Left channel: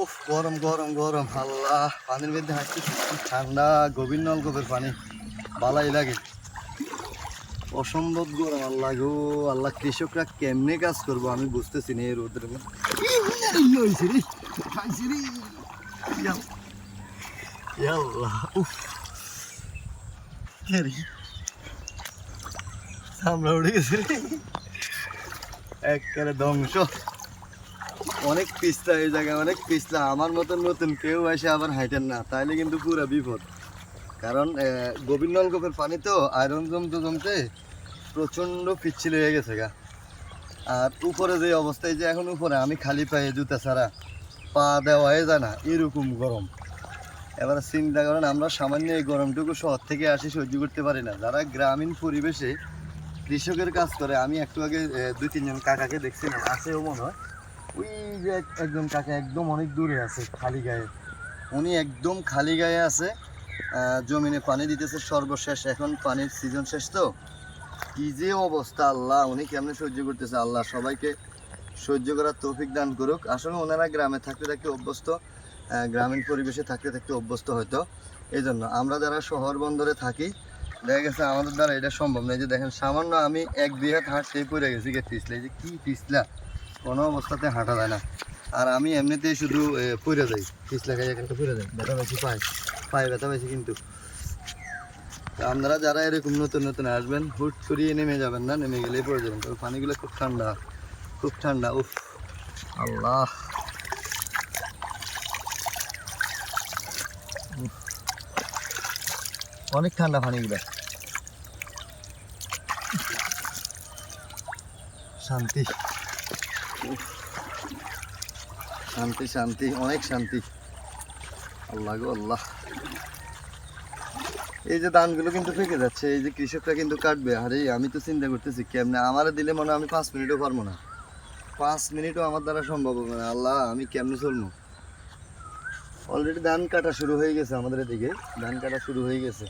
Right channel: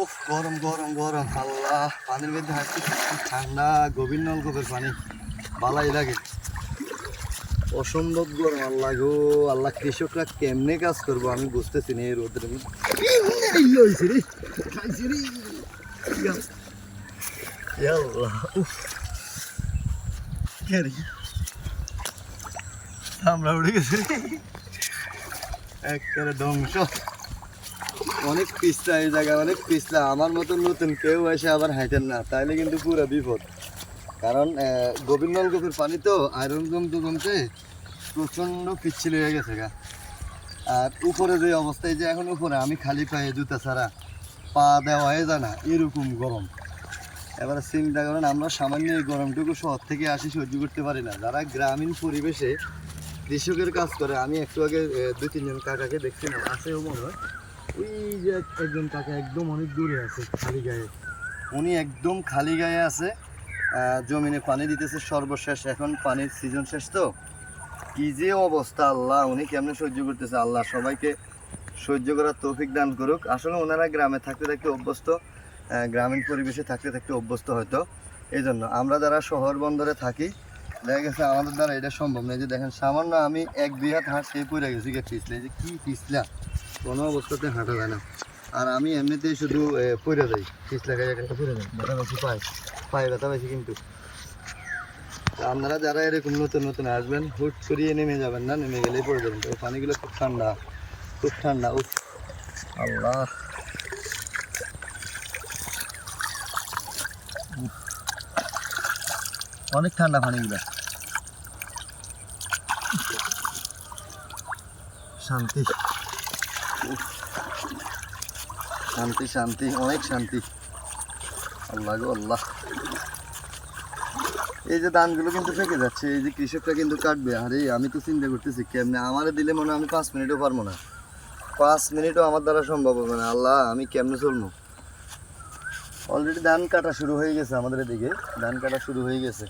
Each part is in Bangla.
উফ, গরম গরম গরম, আল্লাহ। পানির মধ্যে হাঁটতে ঠান্ডা, গভীর নলকূপের পানি বালাই লাগে। অসম্ভব গরম, আল্লাহ গো আল্লাহ। কৃষকরা কেমনে কাজ করবো আমি বুঝতেছি না এই রোদের মধ্যে। আমরা উঠে গেছি একেবারে ধ্বংস। অনেক পিছলা এই জায়গা, অনেক পিছলা। আমার মতন নতুন কেউ এসে আবার হাঁটেন না, তাইলে কিন্তু পুরো বিপদ। কারণ গভীর নলকূপের পানি তো আয়রন জমতে জমতে প্রচণ্ড পিচ্ছিল হয়ে গেছে গা। আর উপরে যে অবস্থায়, যে এখন উপরে আমি খালি পায়ে জুতা ছাড়া পা দেওয়াই যায় না, এরকম গরম। এবারে চিন্তা করেন, আমরা সামান্য এই গরমটুকু শহর থেকে আসি সহ্য করতে পারি না। যারা গ্রামীণ পরিবেশে কৃষকের কাজ করে, আমি একটু আগে 2-3 জন কাকাকে দেখছিলাম, আছেও মনে হয়। ওই যে একজন কাকা একদম অনেক দূরে আছে খালি গায়ে, উনি একদম খালি গায়ে আছে, জমিনে পানি দিতেছে সর্বশেষ। এখন পানির সিজন শেষ তো, কি যে অবস্থা আল্লাহ, উনি কেমনে সহ্য করতেছে। আল্লাহ সবাইকে সহ্য করার তৌফিক দান করুক। আসলে ওনারা গ্রামে থাকতে থাকতে অভ্যস্ত, গ্রামীণ পরিবেশে থাকতে থাকতে অভ্যস্ত হয়তো। এই জন্য আমরা যারা শহর বন্দরে থাকি, দেখা গেছে আমাদের দ্বারা এটা সম্ভব নয়। যে দেখেন, সামান্য আমি 1-2 হাত হাঁটতেই পড়ে গেছি পিছলে। যে কি পিছলা, কোনো অবস্থাতে হাঁটা যায় না। আর আমি এমনিতেই শুধু পড়ে যাই, পিছলা গায়ে একটা পড়ে যাই, ব্যথা পাইছি, পায়ে ব্যথা পাইছি। কিন্তু আপনারা যারা এরকম নতুন নতুন আসবেন, হুট করিয়ে নেমে যাবেন না, নেমে গেলেই পড়ে যাবেন। তো পানিগুলো খুব ঠান্ডা, খুব ঠান্ডা। উফ আল্লাহ, অনেক ঠান্ডা পানিগুলো। শান্তি, শান্তি শান্তি, অনেক শান্তি। আল্লাহ গো আল্লাহ। এই যে ধানগুলো কিন্তু ফেঁকে যাচ্ছে, এই যে কৃষকরা কিন্তু কাটবে। আরে আমি তো চিন্তা করতেছি কেমনে আমারে দিলে মনে হয় আমি 5 মিনিটও পারবো না, 5 মিনিটও আমার দ্বারা সম্ভব হবে না। আল্লাহ, আমি কেমনে চলবো। অলরেডি ধান কাটা শুরু হয়ে গেছে, আমাদের এদিকে ধান কাটা শুরু হয়ে গেছে।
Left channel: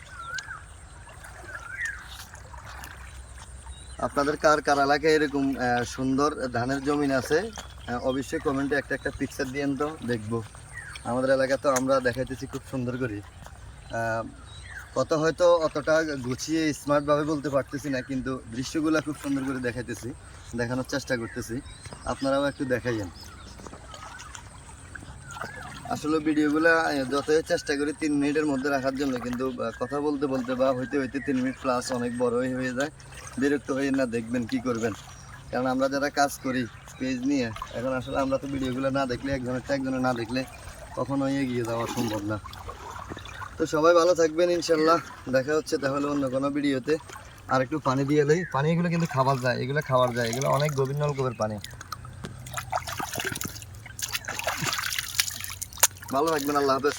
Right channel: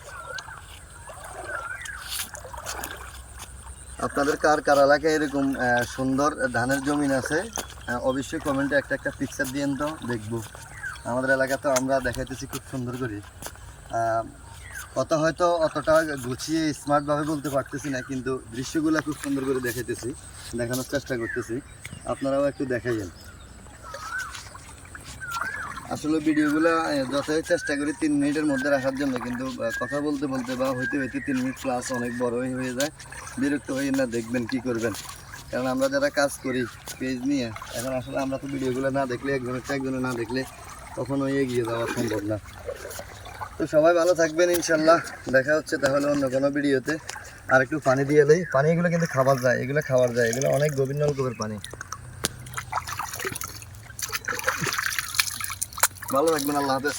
আপনাদের কার কার এলাকায় এরকম সুন্দর ধানের জমিন আছে, অবশ্যই কমেন্টে একটা একটা পিকচার দিয়েন তো দেখবো। আমাদের এলাকা তো আমরা দেখাইতেছি খুব সুন্দর করে। কথা হয়তো অতটা গুছিয়ে স্মার্টভাবে বলতে পারতেছি না, কিন্তু দৃশ্যগুলো খুব সুন্দর করে দেখাইতেছি, দেখানোর চেষ্টা করতেছি। আপনারাও একটু দেখাইবেন। আসলে ভিডিওগুলো যতই চেষ্টা করি 3 মিনিটের মধ্যে রাখার জন্য, কিন্তু কথা বলতে বলতে বা হইতে হইতে 3 মিনিট প্লাস অনেক বড়ই হয়ে যায়। বিরক্ত হয়ে না, দেখবেন কি করবেন। কারণ আমরা যারা কাজ করি পেজ নিয়ে, এখন আসলে আমরা তো ভিডিওগুলো না দেখলে, একজনে না দেখলে কখনোই এগিয়ে যাওয়া সম্ভব না। তো সবাই ভালো থাকবেন ইনশাল্লাহ। দেখা হচ্ছে তাহলে অন্য কোনো ভিডিওতে। আর একটু পানি দিয়ে এলেই, পানি এগুলো কিন্তু খাবার যায়, এগুলো খাবার যায়, এগুলো অনেক গভীর নলকূপের পানি। ভালো থাকবেন, আল্লাহ হাফেজ।